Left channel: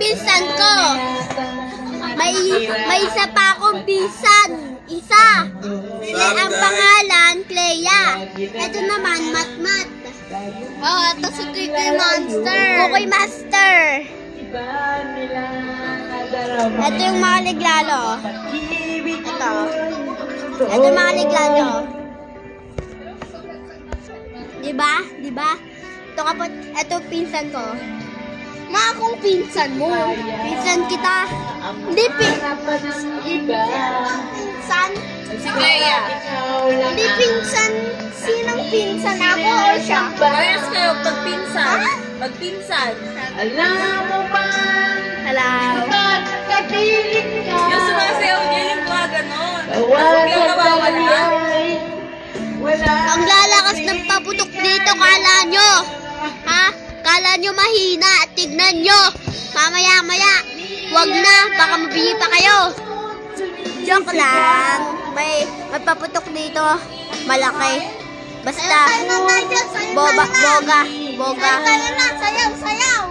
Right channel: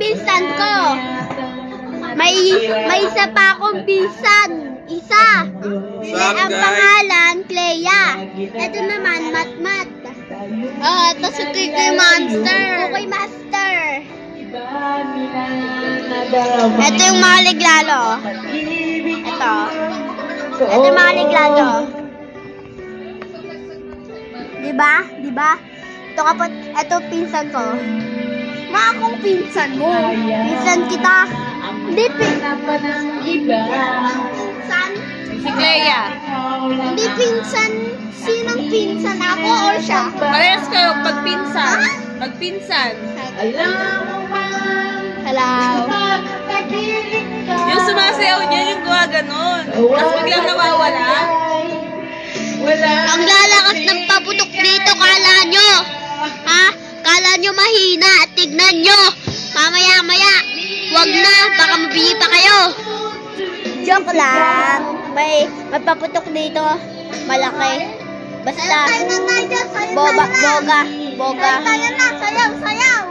pinsan ko. May isa pa akong pinsan. Isa. Ang pangalan, Clea. Ito naman, Matmat. Ito si Cookie Monster. Cookie Master. Ito yung mga liglalo. Ito. Ito yung mga liglalo. Diba? Diba? Ito kapot. Ito pinsan ko. Akong pinsan mo. Pinsan kita. Hindi pinsan. Si Clea. Hindi pinsan. Sinang pinsan? Ako or siya? Parehas kayo pagpinsan. Magpinsan. Hello. Yung sumasayaw niya, yung gawa ganon. Tapos biglang nawawala. Ang lalakas ng paputok dito, kala nyo. Ha? Kala nyo mahina. Tignan nyo. Mamaya-maya. Wag na. Baka mabili pa kayo. Joke lang. May paputok dito. Malaki. Basta. Boga. Sayaw.